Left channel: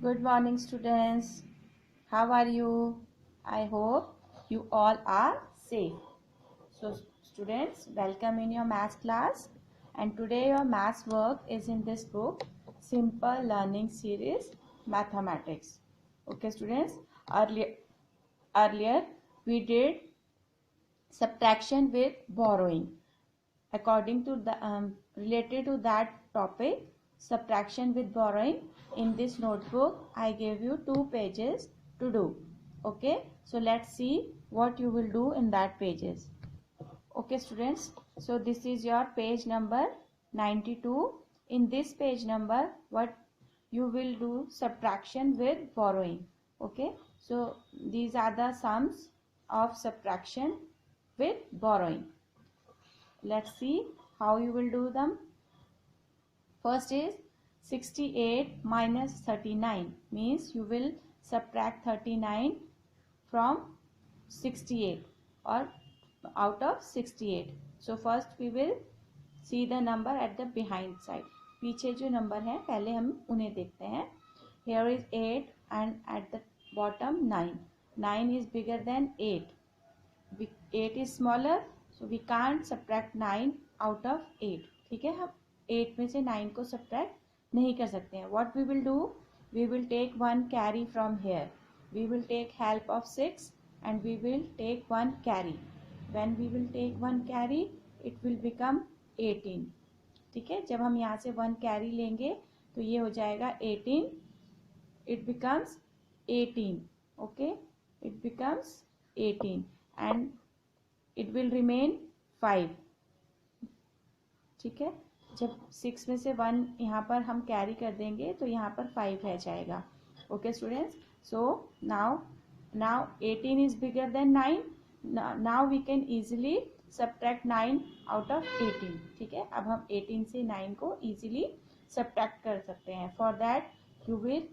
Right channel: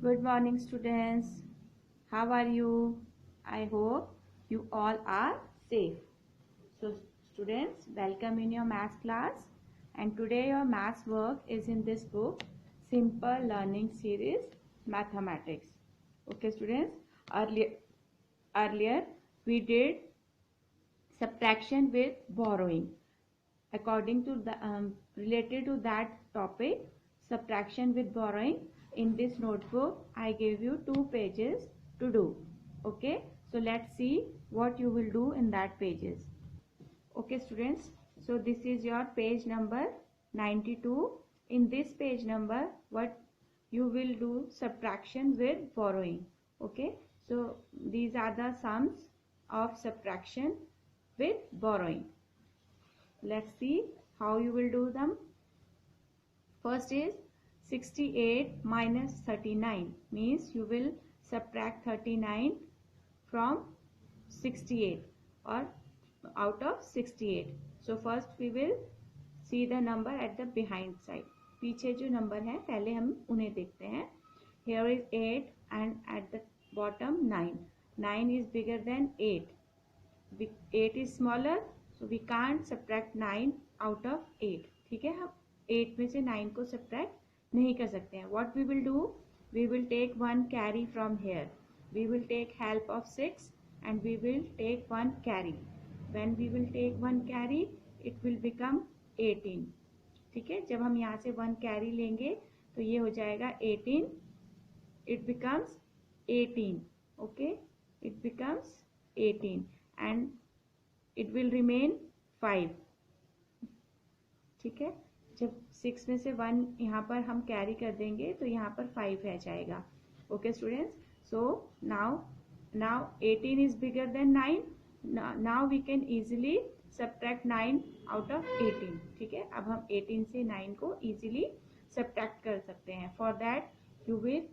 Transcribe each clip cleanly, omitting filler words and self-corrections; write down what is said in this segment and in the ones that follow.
Good morning, students. How are you? I hope you all are safe. So, students, welcome in your math class. And today your math work is in this book, Simple Learning Series Mathematics. Okay, students. Earlier we did subtraction with borrowing. According to the related to that topic, subtraction with borrowing, in this notebook I gave you 2 pages to do. Okay, so let's see what you will do in that pages. Okay students, so this is your page number 92. In this page number, what you will do, subtraction with borrowing. Okay, so these are the sums of subtraction with borrowing. Let's see how you will do them. First is 68 minus 39, means you will subtract 39 from 68 or out of 68. So first we will see the number at the behind side. पीछे जो number है पहले हम उन्हें देखते हैं. Here is 8 and at the bottom 9. 9 is bigger than 8. 8 is smaller, so we can't subtract 9 out of 8. ठीक है, हम 8 में से 9 को subtract नहीं कर सकते हैं. What we will do? We will take one carry from here. We will take help of 6 and we will take one carry. When we will take one carry, it will become 18. ठीक है, जब हम यहाँ से one carry लेंगे तो ये हो जाएगा 18. It becomes 18. Okay, it becomes 18 and it will remain 5. ठीक है, जब 6 में से 1 यहाँ पर हम कैरी कर देंगे तो यहाँ पर 5 रह जाएगा. Okay students, so now 18 is bigger than 9. Now we can easily subtract 9 out of 18. ठीक है, अब हम 18 से 9 को easily subtract कर सकते हैं. For that you will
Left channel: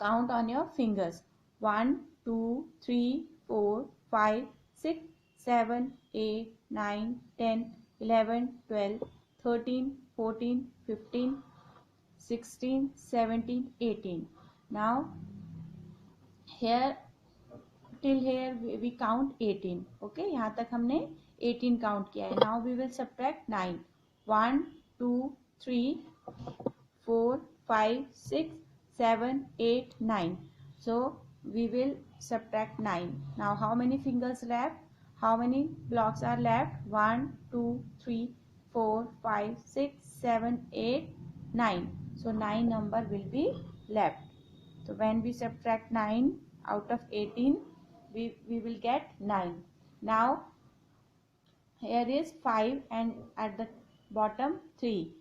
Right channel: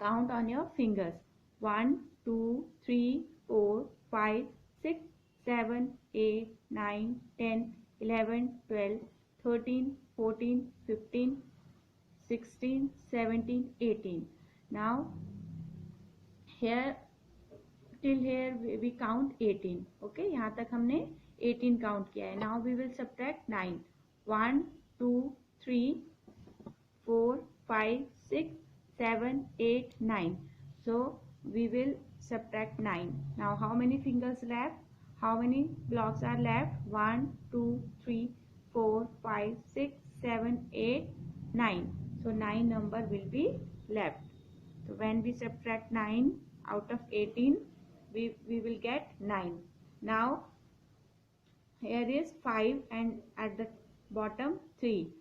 count on your fingers. 1 2 3 4 5 6 7 8 9 10 11 12 13 14 15 16 17 18. Now here till here we count 18. Okay, यहाँ तक हमने 18 काउंट किया है. Now we will subtract 9. 1 2 3 4 5 6 7 8 9. So we will subtract 9. Now how many fingers left? How many blocks are left? 1 2 3 4 5 6 7 8 9. So 9 number will be left. So when we subtract 9 out of 18, we will get 9. Now here is 5 and at the bottom 3.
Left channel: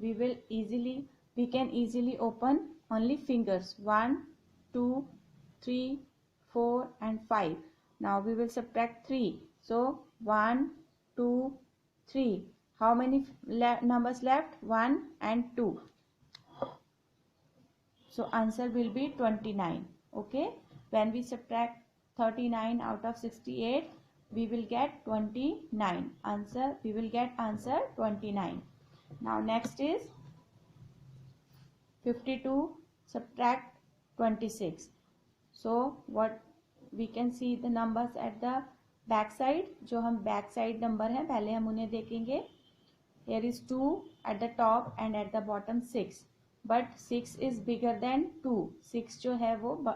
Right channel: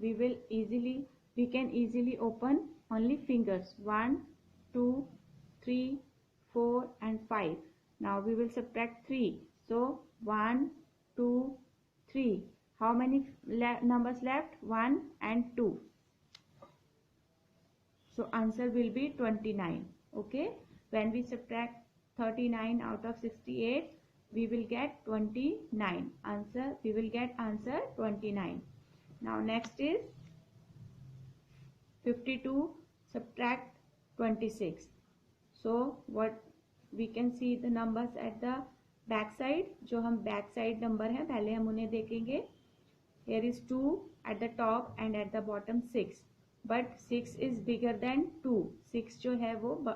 We can easily open only fingers 1 2 3 4 and 5. Now we will subtract 3. So 1 2 3. How many numbers left? 1 and 2. So answer will be 29. Okay, when we subtract 39 out of 68, we will get 29. We will get answer 29. Now next is 52 subtract 26. So what we can see the numbers at the back side. जो हम back side number है पहले हम उन्हें देखेंगे. Here is 2 at the top and at the bottom 6. But 6 is bigger than 2. 6 जो है वो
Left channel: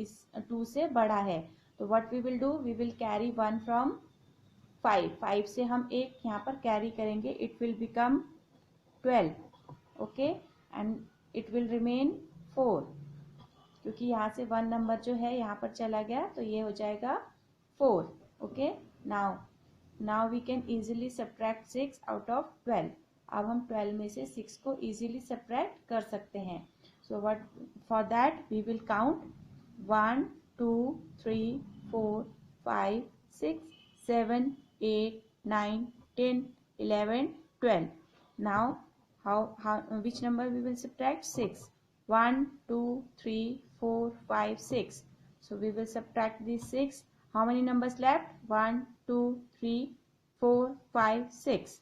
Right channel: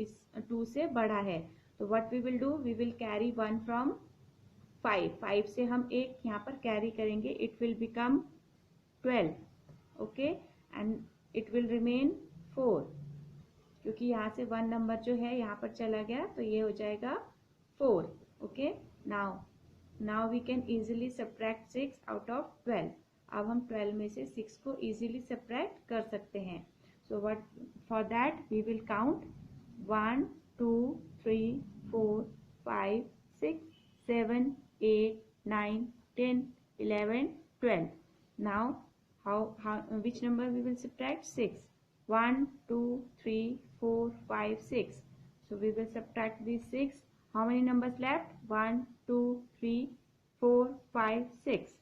इस 2 से बड़ा है. तो what we will do? We will carry 1 from 5. 5 से हम एक यहाँ पर carry करेंगे. It will become 12. Okay, and it will remain 4. क्योंकि यहाँ से 1 नंबर जो है यहाँ पर चला गया तो ये हो जाएगा 4. Okay, now we can easily subtract 6 out of 12. अब हम 12 में से 6 को easily subtract कर सकते हैं. So what for that we will count 1 2 3 4 5 6 7 8 9 10 11 12. Now which number we will subtract? 6. 1 2 3 4 5 6. So we will subtract these 6. How many numbers left? 1 2 3 4 5 6.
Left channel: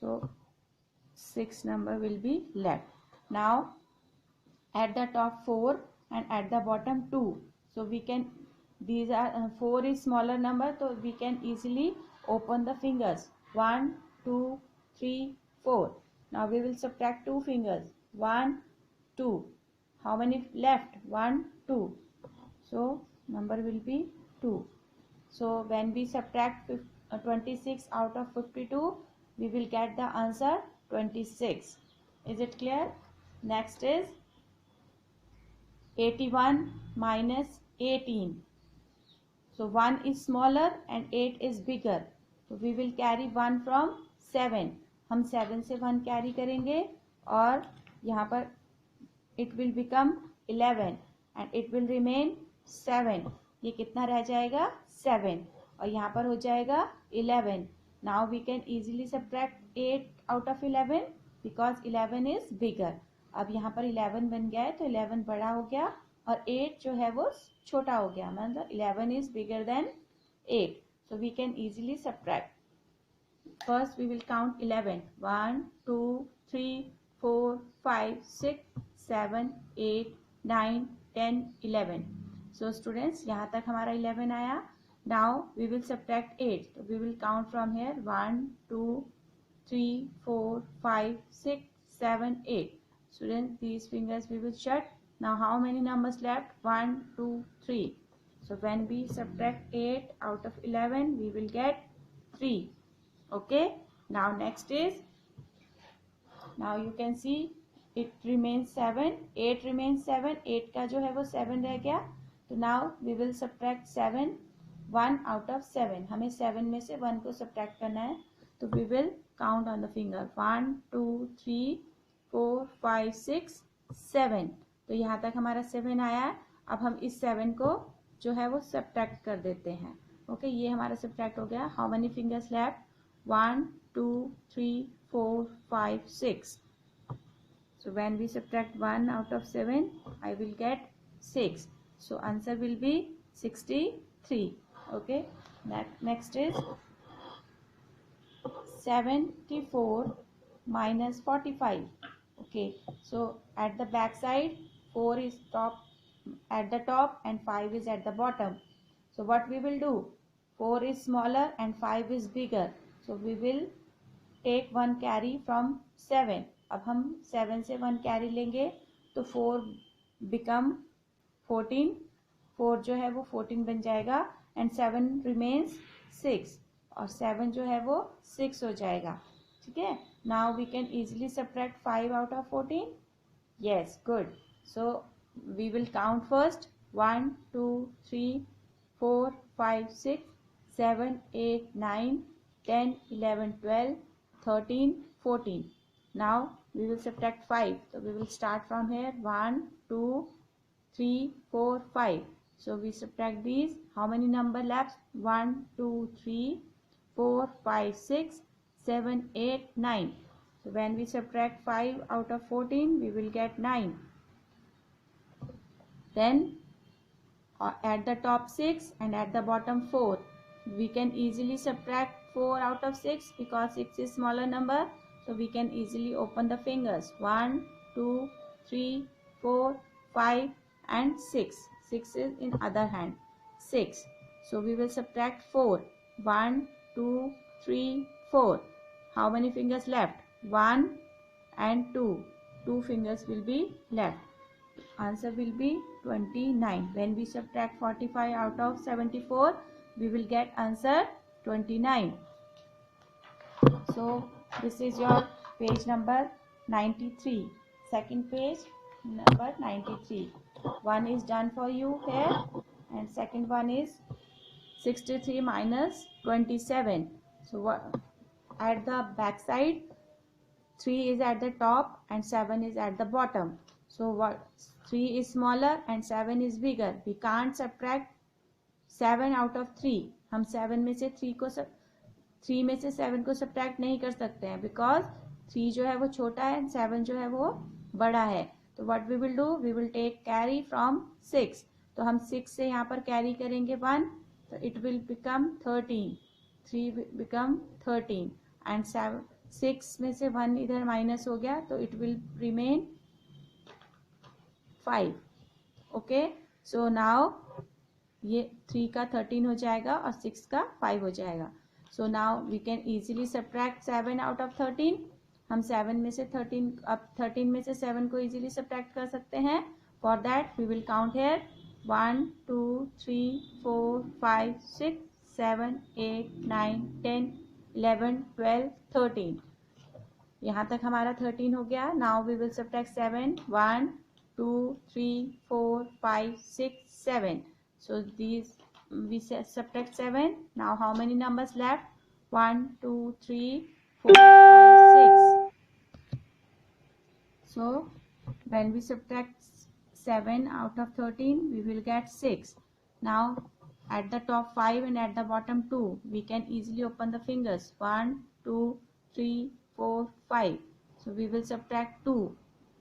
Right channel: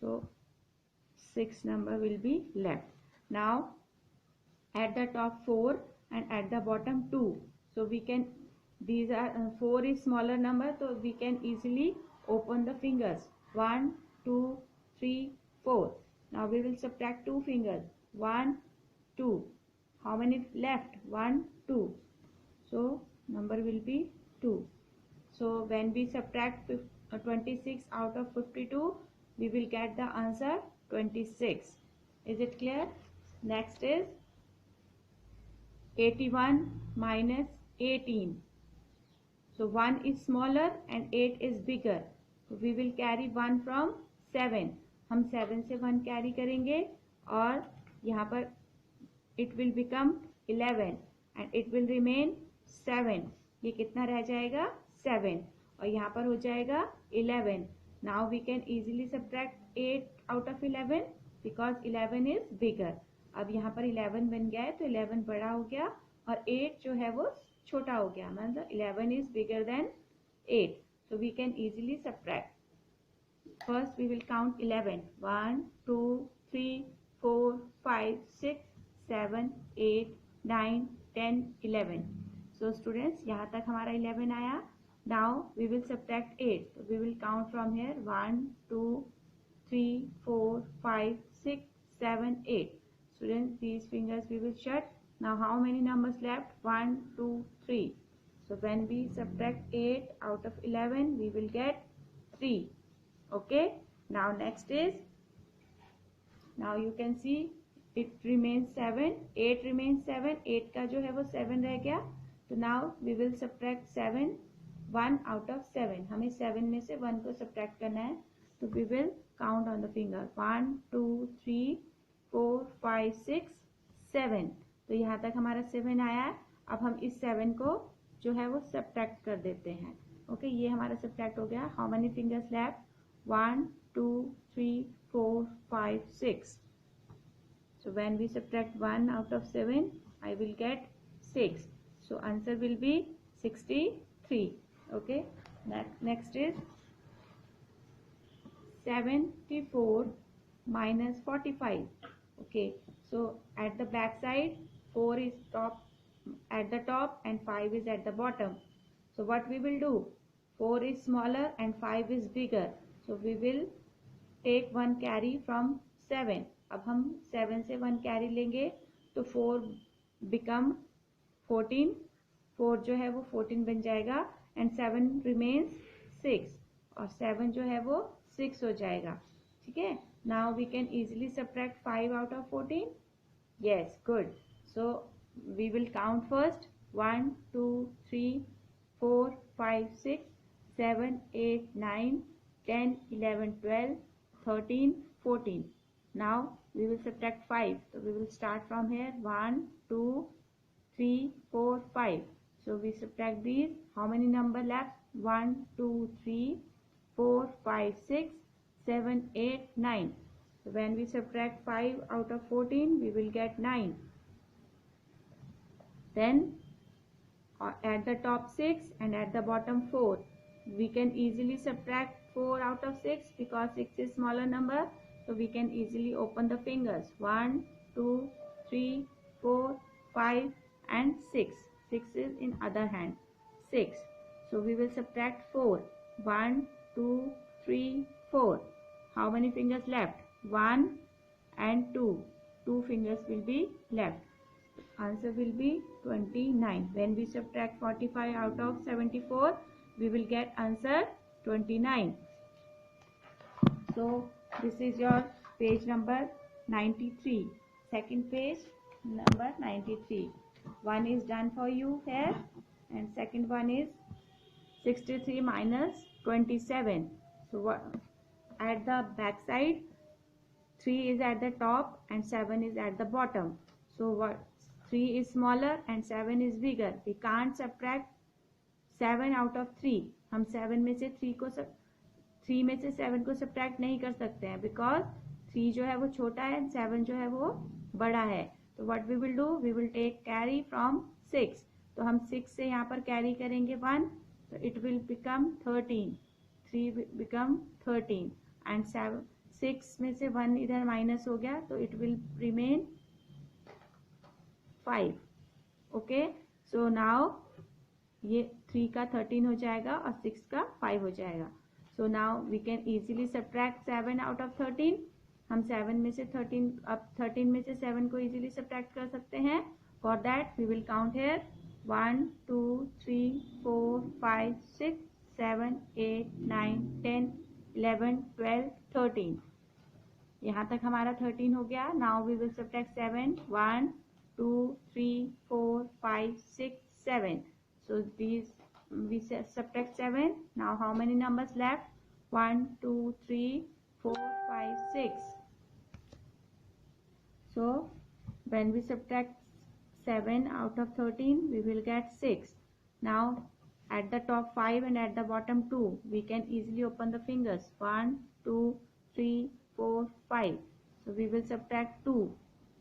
So 6 number will be left. Now at the top 4 and at the bottom 2. So we can, these are 4 is smaller number, so we can easily open the fingers. 1, 2, 3, 4. Now we will subtract 2 fingers. 1, 2. How many left? 1, 2. So number will be 2. So when we subtract 26 out of 52, we will get the answer 26. Is it clear? Next is 81 minus 18. So 1 is smaller and 8 is bigger. So we will carry 1 from 7. हम 7 से 1 carry करेंगे और यहाँ पर it will become 11 and it will remain 7. ये कितना रह जाएगा? 7. और यहाँ पर हो जाएगा 11. Now we can easily subtract 8 out of 11 because 11 is bigger. अब यहाँ पर 11 बन गया है तो 11 बड़ा हो गया और 8 जो है वो छोटा हो गया, मतलब 11 is bigger than 8. So we can easily subtract. First we will count 11. 1, 2, 3, 4, 5, 6, 7, 8, 9, 10, 11. So students, यहाँ तक हमारा 11 आया. Now we will subtract 8. So we will count from here 1, 2, 3, 4, 5, 6, 7, 8. Students, these fingers we will shut. Now how many numbers left? 1, 2, 3. So when we subtract 8 out of 11, we will get 3. Okay. Now next is, now you can see it remains 7. 8 remains 7. 8 का जो है वो 7 रह गया. So now we will subtract 7. 1 out of 7. हमें 7 में से 1 को subtract करना है. तो we will count on the finger. 1, 2, 3, 4, 5, 6, 7. तो यहाँ तक हमारा 7 आया है. अब हम इस 7 को जो है वो subtract कर देते हैं. ओके, ये हमारा subtract हो गया. How many fingers left? 1, 2, 3, 4, 5, 6. So when we subtract 1 out of 7, I will get 6. So answer will be 63. Okay. Next is 74 minus 45. Okay. So at the back side, 4 is at the top and 5 is at the bottom. So what we will do? 4 is smaller and 5 is bigger. So we will take 1 carry from 7. अब हम 7 से 1 carry लेंगे तो 4 become 14. 4 जो है वो 14 बन जाएगा and 7 remains 6 और 7 जो है वो 6 हो जाएगा. ठीक है. Now we can easily subtract 5 out of 14. Yes, good. So we will count first. 1, 2, 3, 4, 5, 6, 7, 8, 9, 10, 11, 12, 13, 14. Now we will subtract 5. So we will start from here. 1, 2, 3, 4, 5. So we subtract these. How many number left? 1, 2, 3, 4, 5, 6, 7, 8, 9. So when we subtract 5 out of 14, we will get 9. Then at the top 6 and at the bottom 4. We can easily subtract 4 out of 6 because 6 is smaller number. So we can easily open the fingers. 1, 2, 3, 4, 5 and 6. 6 is in other hand. 6. So we will subtract 4. 1, 2, 3, 4. How many fingers left? 1 and 2. 2 fingers will be left. Answer will be 29. When we subtract 45 out of 74, we will get answer 29. So this is your page number 93. Second page number 93. One is done for you here and second one is 63 minus 27. So what, at the back side 3 is at the top and 7 is at the bottom. So what, 3 is smaller and 7 is bigger. We can't subtract 7 out of 3. हम 7 में से 3 में से 7 को subtract नहीं कर सकते हैं because 3 जो है वो छोटा है and 7 जो है वो बड़ा है. तो what we will do? We will take carry from 6. तो हम 6 से यहाँ पर carry करेंगे 1. तो it will become 13. 3 become 13 and 6 में से 1 इधर minus हो गया तो it will remain 5. Okay, so now ये 3 का 13 हो जाएगा और 6 का 5 हो जाएगा. So now we can easily subtract 7 out of 13. हम 7 में से 13, अब 13 में से 7 को इजीली सब्ट्रैक्ट कर सकते हैं. For that we will count here 1 2 3 4 5 6 7 8 9 10 11 12 13. यहाँ तक हमारा 13 हो गया. Now we will subtract 7. 1 2 3 4 5 6 7. So these we subtract 7. Now how many numbers left? 1 2 3 4 5 6. So when we subtract 7 out of 13, we will get 6. Now at the top 5 and at the bottom 2, we can easily open the fingers. 1 2 3 4 5. So we will subtract 2.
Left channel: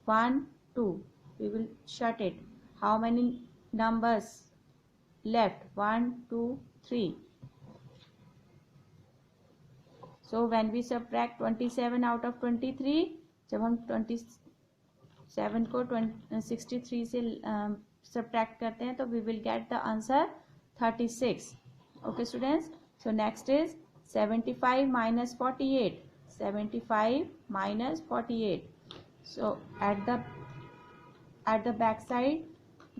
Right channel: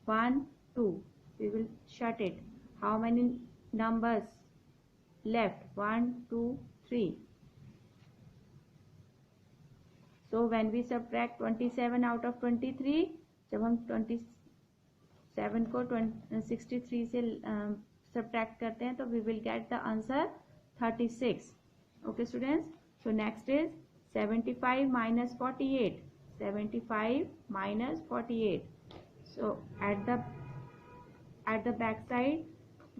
1 2. We will shut it. How many numbers left? 1 2 3. So when we subtract 27 out of 23, जब हम 27 को 63 से subtract करते हैं तो we will get the answer 36. Okay students, so next is 75 minus 48. 75 minus 48. So at the back side,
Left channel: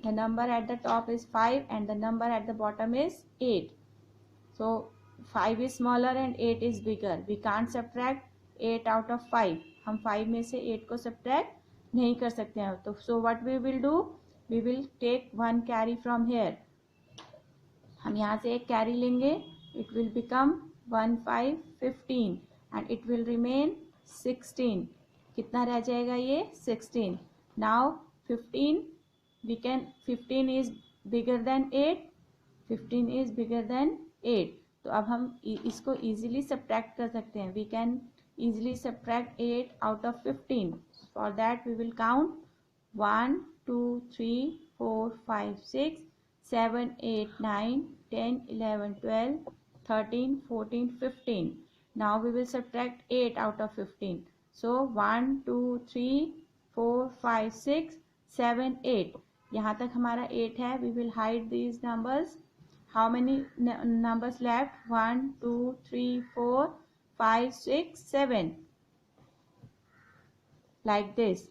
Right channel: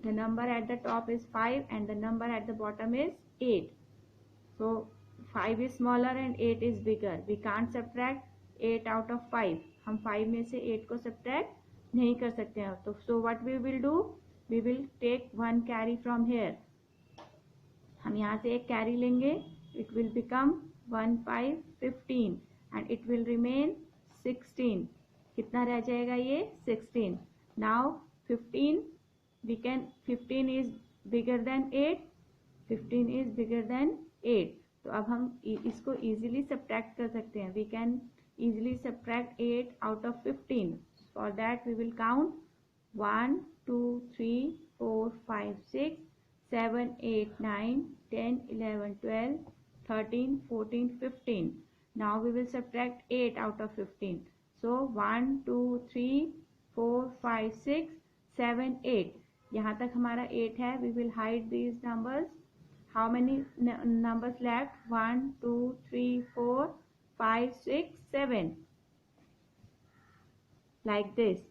the number at the top is 5 and the number at the bottom is 8. So 5 is smaller and 8 is bigger. We can't subtract 8 out of 5. हम 5 में से 8 को subtract नहीं कर सकते हैं. तो so what we will do? We will take one carry from here. हम यहाँ से एक carry लेंगे. It will become 1 5 15 and it will remain 16. कितना रह जाएगा ये? 16. Now 15 is bigger than 8. 15 is bigger than 8. तो अब हम इसको easily subtract कर सकते हैं. We can easily subtract 8 out of 15. For that we will count 1 2 3 4 5 6 7 8 9 10 11 12 13 14 15. Now we will subtract 8 out of 15. So 1 2 3 4 5 6 7 8. यहाँ तक हमारा 8 है. We will hide these numbers. How many numbers left? 1 2 3 4 5 6 7. Like this.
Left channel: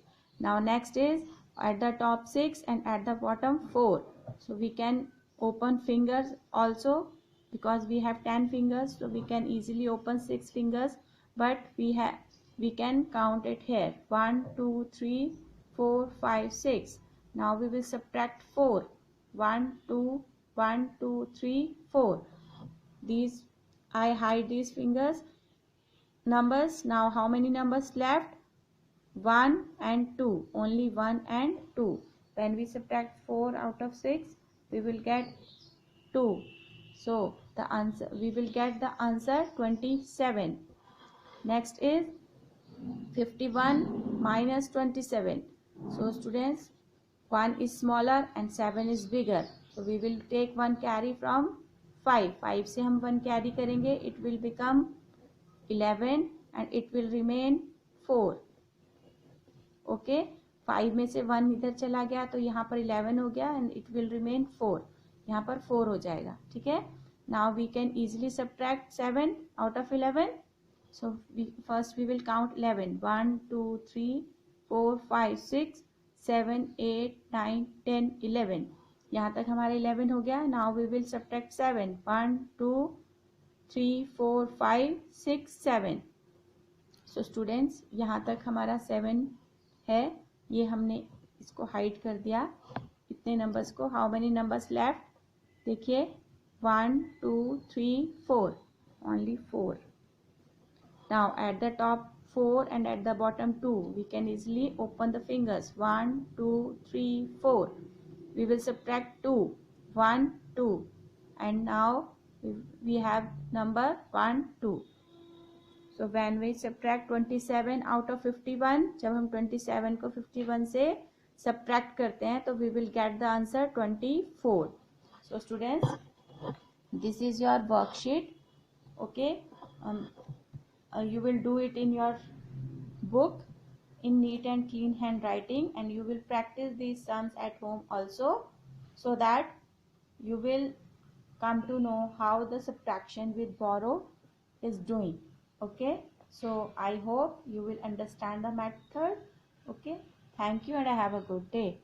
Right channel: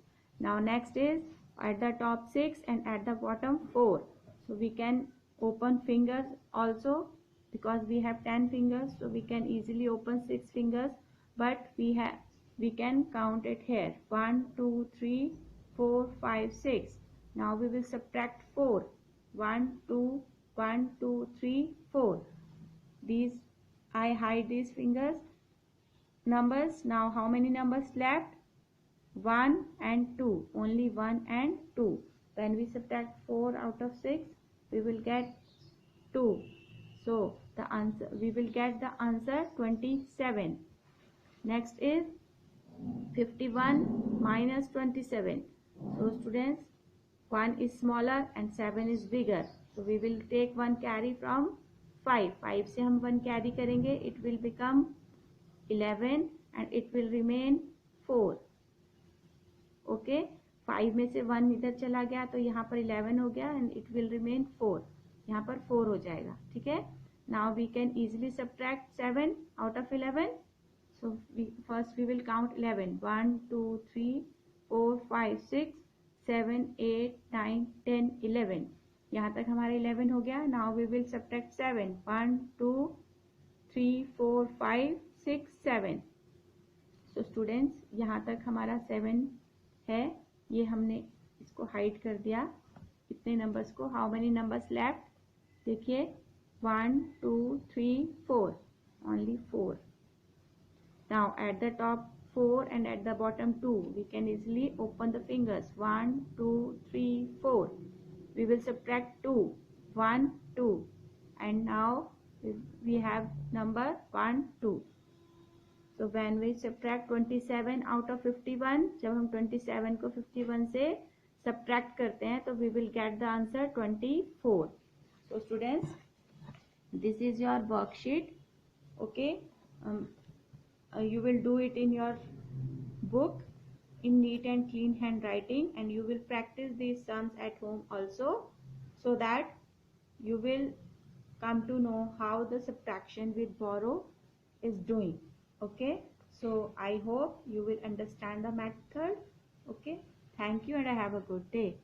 Now next is at the top 6 and at the bottom 4. So we can open fingers also because we have 10 fingers. So we can easily open 6 fingers. But we can count it here. 1 2 3 4 5 6. Now we will subtract 4. 1 2 1 2 3 4. These I hide these fingers numbers. Now how many numbers left? 1 and 2. Only 1 and 2. When we subtract 4 out of 6, we will get 2. So the answer, we will get the answer 27. Next is 51 minus 27. So students, 1 is smaller and 7 is bigger. So we will take one carry from 5. 5 से हम 1 carry करेंगे. It will become 11 and it will remain 4. Okay, 5 में से 1 इधर चला गया तो यहाँ पर 11 हो गया and it will remain 4. यहाँ पर 4 हो जाएगा. ठीक है. Now we can easily subtract 7 out of 11. So first we will count 11. 1 2 3 4 5 6 7 8 9 10 11. यहाँ तक हमारा 11 हो गया. Now we will subtract 7. 1 2 3 4 5 6 7. So students, यहाँ तक हमारा 7 है. ये हमने इसको हाइड कर दिया इतने नंबर्स को. How many numbers left? देखिए 1 2 3 4. Only 4. Now at the top 4 and at the bottom 2, we can easily open the fingers. 1 2 3 4. We will subtract 2. 1 2. And now we have number 1 2. So when we subtract 27 out of 51, जब हम 27 को 51 से subtract करते हैं तो we will get the answer 24. So students, this is your worksheet. Okay, you will do it in your book in neat and clean handwriting, and you will practice these sums at home also, so that you will come to know how the subtraction with borrow is doing. Okay, so I hope you will understand the method. Okay, thank you and I have a good day.